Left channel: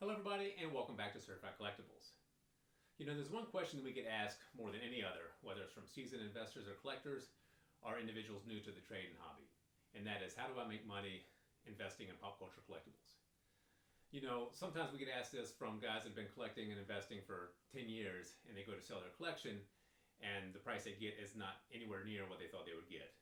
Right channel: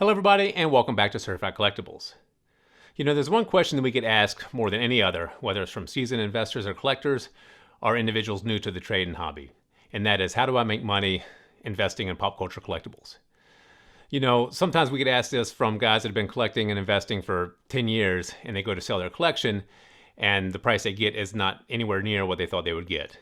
Hello everybody and welcome back to Certified Collectibles. There's one question that we get asked more than any other, whether it's from seasoned investors or collectors or individuals new to the trade and hobby. And that is, how do I make money investing in pop culture collectibles? Sometimes we get asked this from guys that have been collecting and investing for 10 years and they go to sell their collection and the price they get is not anywhere near what they thought they would get.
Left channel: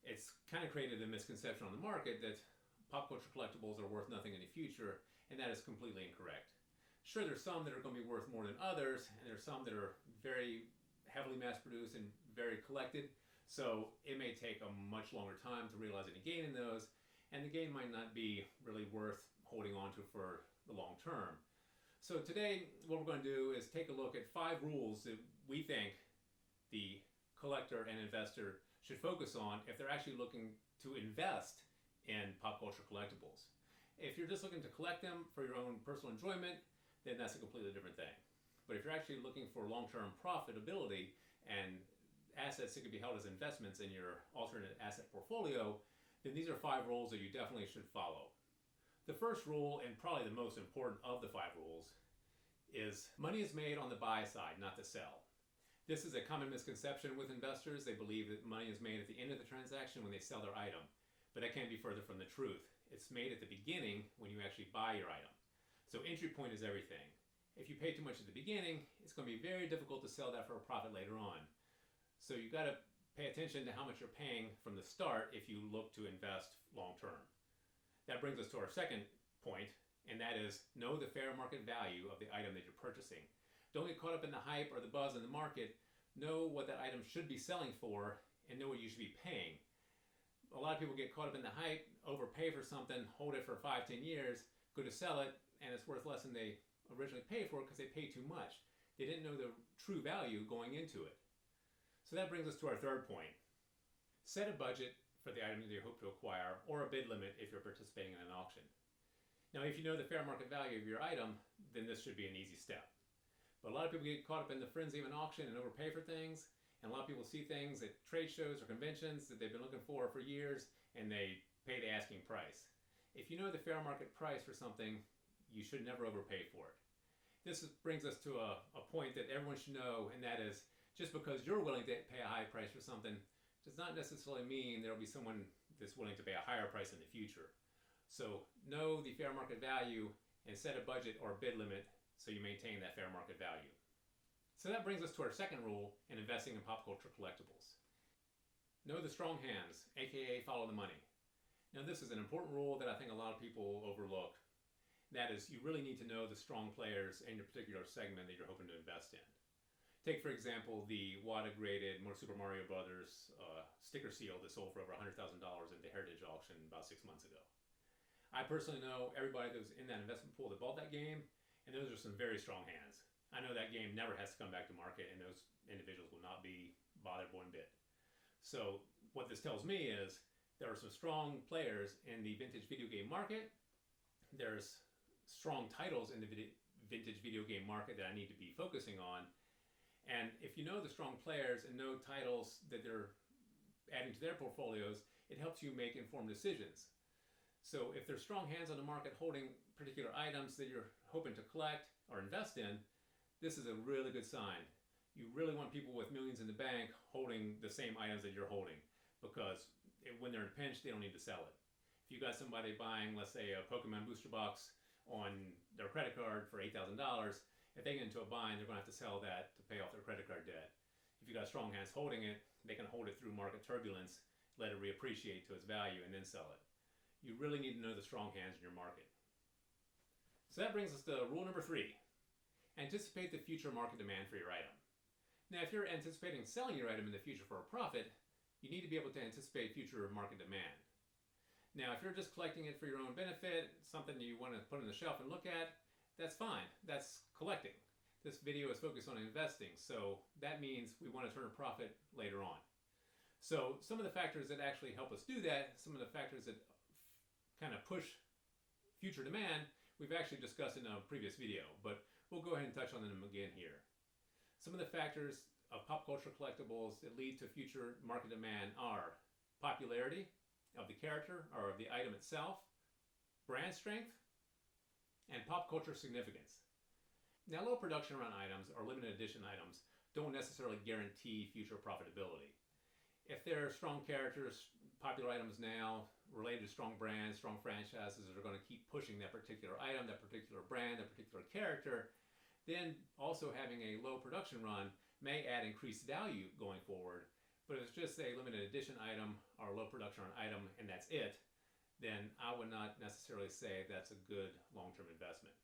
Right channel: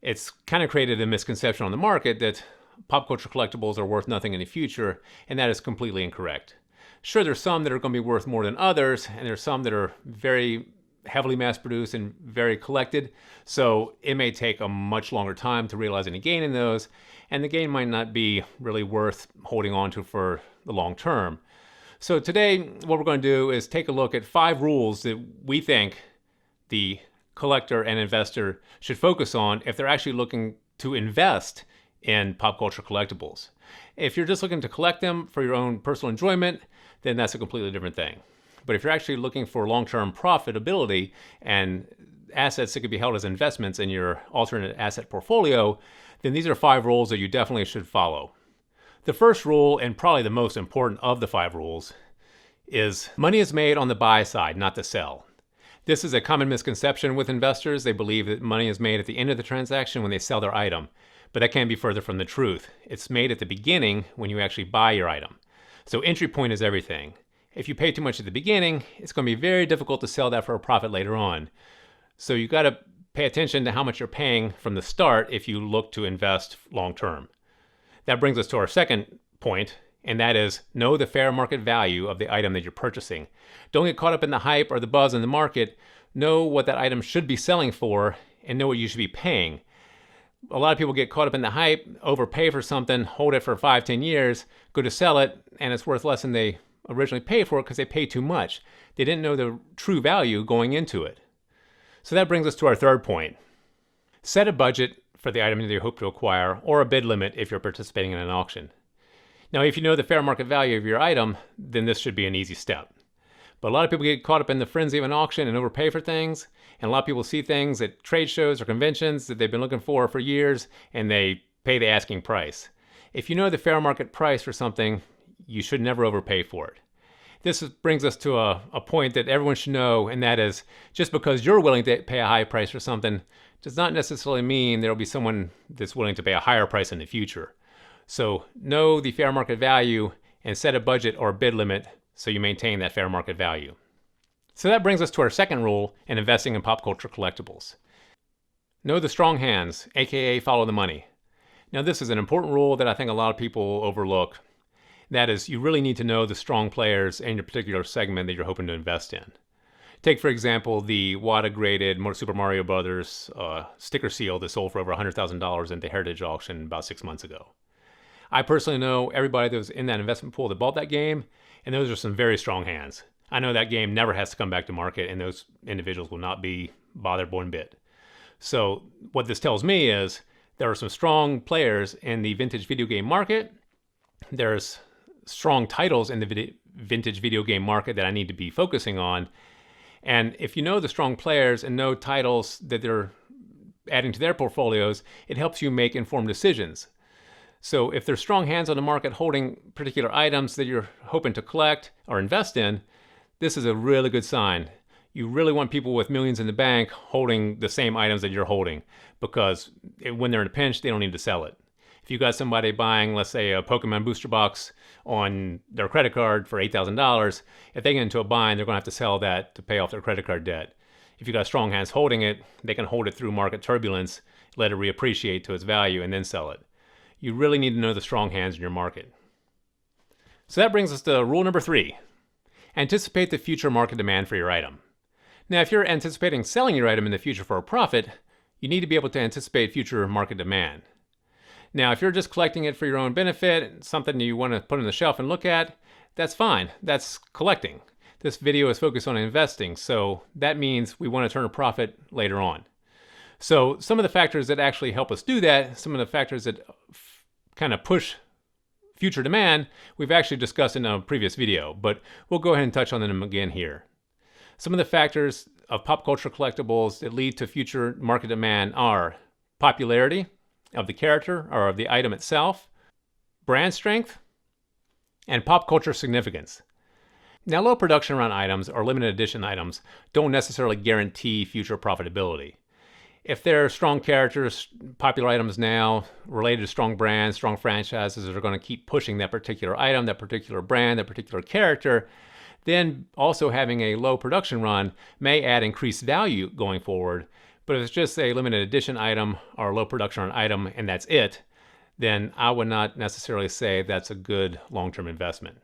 It's kind of created a misconception on the market that pop culture collectibles are worth nothing in the future, and that is completely incorrect. Sure, there's some that are going to be worth more than others, and there's some that are very heavily mass-produced and very collected, so it may take a much longer time to realize any gain in those, and the gain might not be really worth holding on to for the long term. So today, what we're going to do is take a look at 5 rules that we think the collector and investor should focus on if they're actually looking to invest in pop culture collectibles. If you're just looking to collect them for your own personal enjoyment, then that's a completely different thing. But if you're actually looking for long-term profitability and assets that could be held as investments in your alternate asset portfolio, then these are 5 rules that you definitely should follow. The first rule, and probably the most important of the 5 rules, is money is made on the buy side, not the sell. This is a common misconception with investors. They believe that money is made at the end of the transaction when they sell their item. But that can't be further from the truth. It's made at the beginning when you actually buy your item. So entry point is everything. If you pay too much at the beginning, it's going to be very difficult to sell that for a profit later on. So you got to pay attention to how much you're paying from the start if you look to invest long term. That brings us to our second point, and that is know the fair market value of the item that you're purchasing. Don't get caught up in the hype or the buzz in the market. Know what that item should be selling for and know what you should be paying. A lot of people get caught up in the hype, overpay for something, hold it for 5-10 years, go to sell it, and it's worth less than they originally paid for it because they paid too much. They didn't know the true value going into it. So that brings us to our third point. Set a budget for the item that you hope to acquire, or a bid limit if you're participating in an auction. Now, if you know the fair market value of your item, then this should be an easy step. But a lot of people get caught up in the frenzy of an auction and overpay for things. And a lot of people see things at trade shows or conventions that they've been looking for years, and they pay the asking price. If you know the fair market price for something, you should never overpay for it. This brings us to a point that everyone should know, and that is just because you're willing to pay a high price for something does not necessarily mean there will be someone that's willing to pay a higher price in the future. So know the fair market value and set a budget or bid limit so you maintain that fair market value. So that brings us to our second rule in investing in pop culture collectibles. Know the strong hands, aka follow the money. Now this is an important rule that I think a lot of people overlook. That is, you really need to know the strong players in your particular segment that you're hoping to invest in. Take, for example, the WATA-graded Super Mario Brothers sticker seal that sold for over $100,000 in the Heritage auction about 6 months ago. I personally know everybody that was in that investment pool that bought that game, and those are some very strong hands. I know that game never has to come back to market, and those individuals will not be bothered one bit. So what this tells me is there are some strong players in the vintage video game market. There's strong titles in the vintage video game market that I need to be focusing on. And if you know the strong players and know titles that they're adding to their portfolios, it helps you make informed decisions. So if there's strong hands on the market holding particular items that you're hoping to collect or invest in, this is a really good sign. You really want people with millions in the bank holding the same items that you're holding, because when they're in a pinch, they don't need to sell it. If you got somebody buying, let's say, a Pokemon booster box on their credit card for $8,000, if they get into a bind, they're going to have to sell that to pay off their credit card debt. If you got strong hands holding it, they can hold it through market turbulence, let it reappreciate to its value, and then sell it. You really need to know the strong hands in your market. So that brings us to rule number 3. Anticipate the future market demand for your item. Now, if you're anticipating selling your item in the future for a profit, you need to be able to anticipate future market demand. Now, if you're just collecting it for your own benefit, something you want to put on the shelf and look at, that's fine. That's collecting. This video is focused on investing, so that means we want to turn a profit later on. So some of the factors that actually help us do that, some of the factors that kind of push future demand, we've actually discussed in a previous video, but we'll go ahead and touch on them again here. Some of the factors of pop culture collectibles that lead to future market demand are popularity of the character or of the item itself, brand strength, and pop culture significance. Now, low production run items or limited edition items don't necessarily guarantee future profitability. If they're strong characters, popular items now, related to strong brands, strong franchises that are going to keep pushing that particular item, that particular brand, that particular character, then also having a low production run may add increased value going forward. But if it's just a limited edition item or low production run item and that's it, then I would not necessarily say that's a good long-term investment.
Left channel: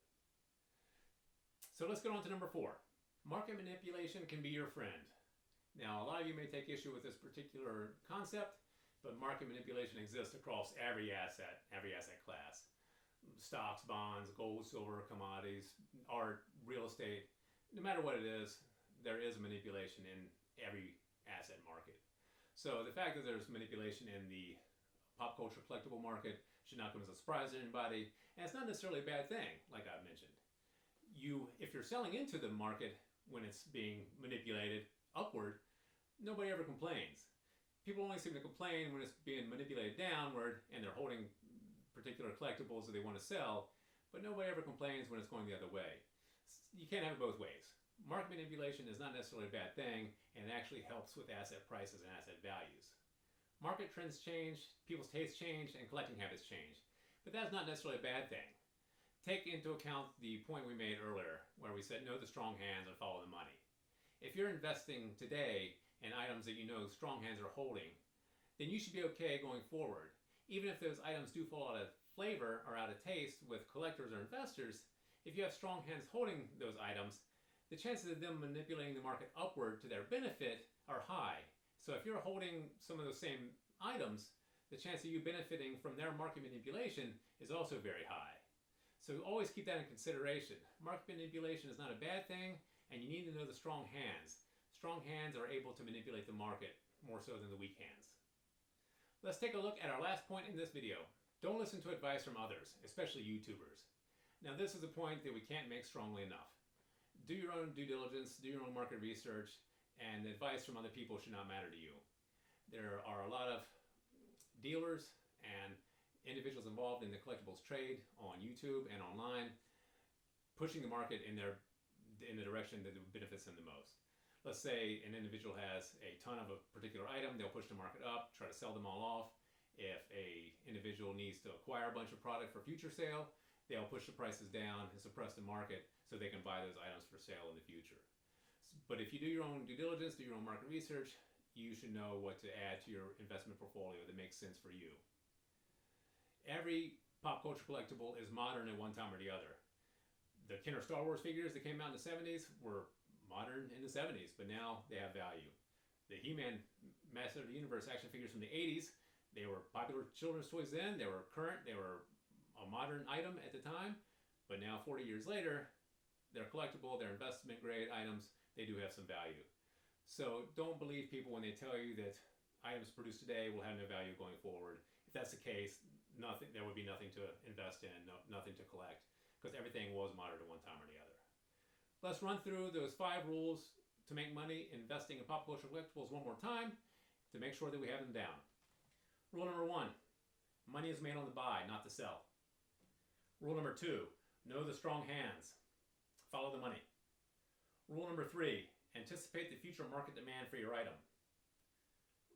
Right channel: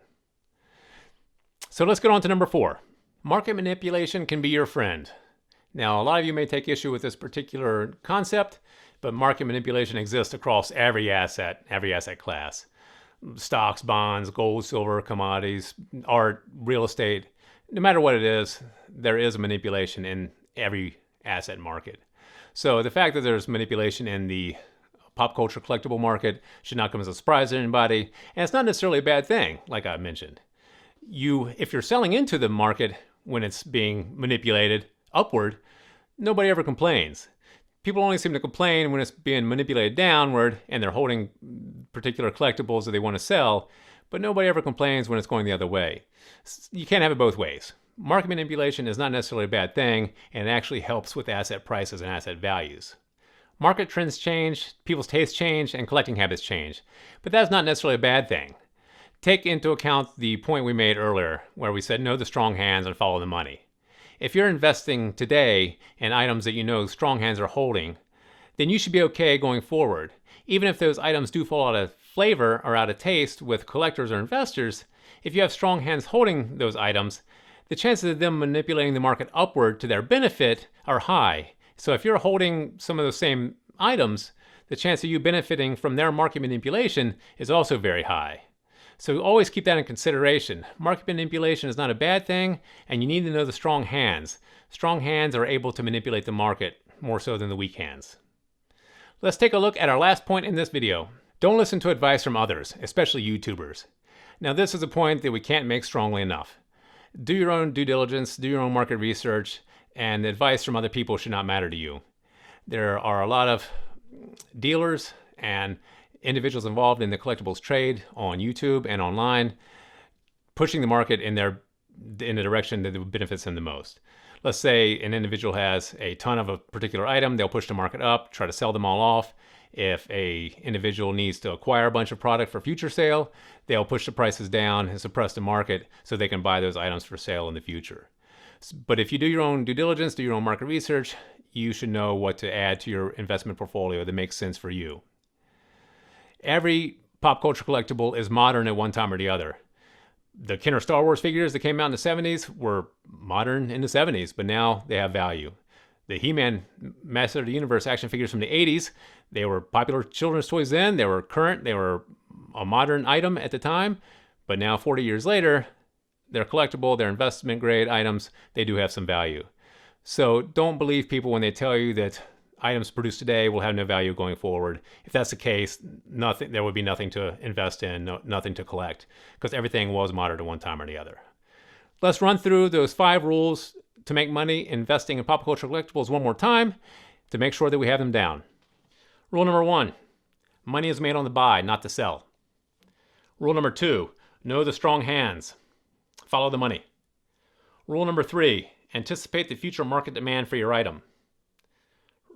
So let's get on to number 4. Market manipulation can be your friend. Now, a lot of you may take issue with this particular concept, but market manipulation exists across every asset class. Stocks, bonds, gold, silver, commodities, art, real estate. No matter what it is, there is a manipulation in every asset market. So the fact that there's manipulation in the pop culture collectible market should not come as a surprise to anybody, and it's not necessarily a bad thing, like I mentioned. If you're selling into the market when it's being manipulated upward, nobody ever complains. People only seem to complain when it's being manipulated downward and they're holding particular collectibles that they want to sell, but nobody ever complains when it's going the other way. You can't have it both ways. Market manipulation is not necessarily a bad thing, and it actually helps with asset prices and asset values. Market trends change, people's tastes change, and collecting habits change, but that's not necessarily a bad thing. Take into account the point we made earlier, where we said know the strong hands and follow the money. If you're investing today in items that you know strong hands are holding, then you should be okay going forward. Even if those items do fall out of flavor or out of taste with collectors or investors, if you have strong hands holding those items, the chances of them manipulating the market upward to their benefit are high. So if you're holding some of those same items, the chance of you benefiting from their market manipulation is also very high. So always keep that in consideration. Market manipulation is not a bad thing, and you need to know the strong hands. Strong hands are able to manipulate the market more so than the weak hands. Let's take a look at our last point in this video. Don't listen to advice from others, especially YouTubers. Now, this is a point that we can't make strongly enough. Do your own due diligence, do your own market research, and advice from other people should not matter to you. There are a lot of dealers and individuals involved in the collectibles trade on YouTube and online, pushing the market in the direction that benefits them the most. Let's say an individual has a ton of a particular item, they'll push the market up, try to sell them all off. If an individual needs to acquire a bunch of product for future sale, they'll push the prices down and suppress the market so they can buy those items for sale in the future. But if you do your own due diligence, do your own market research, you should know what to add to your investment portfolio that makes sense for you. Every pop culture collectible is modern at one time or the other. The Kenner Star Wars figures that came out in the 70s were modern in the 70s, but now they have value. The He-Man Master of the Universe action figures from the 80s, they were popular children's toys then, they were current, they were a modern item at the time, but now 40 years later, they're collectible, they're investment grade items, they do have some value. So don't believe people when they tell you that items produced today will have no value going forward. If that's the case, there would be nothing to invest in, nothing to collect, because everything was modern at one time or the other. Let's run through those 5 rules to make money investing in pop culture collectibles one more time to make sure that we have them down. Rule number 1, money is made on the buy, not the sell. Rule number 2, know the strong hands. Follow the money. Rule number 3, anticipate the future market demand for your item.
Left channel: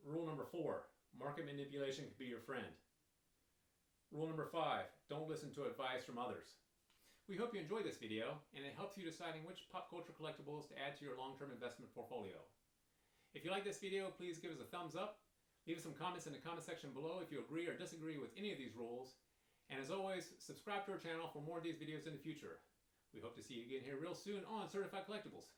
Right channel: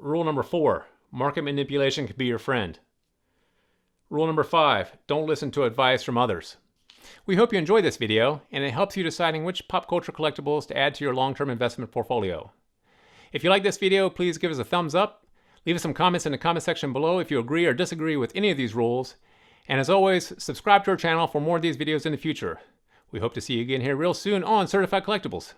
Rule number 4, market manipulation can be your friend. Rule number 5, don't listen to advice from others. We hope you enjoyed this video and it helps you deciding which pop culture collectibles to add to your long-term investment portfolio. If you like this video, please give us a thumbs up. Leave us some comments in the comment section below if you agree or disagree with any of these rules. And as always, subscribe to our channel for more of these videos in the future. We hope to see you again here real soon on Certified Collectibles.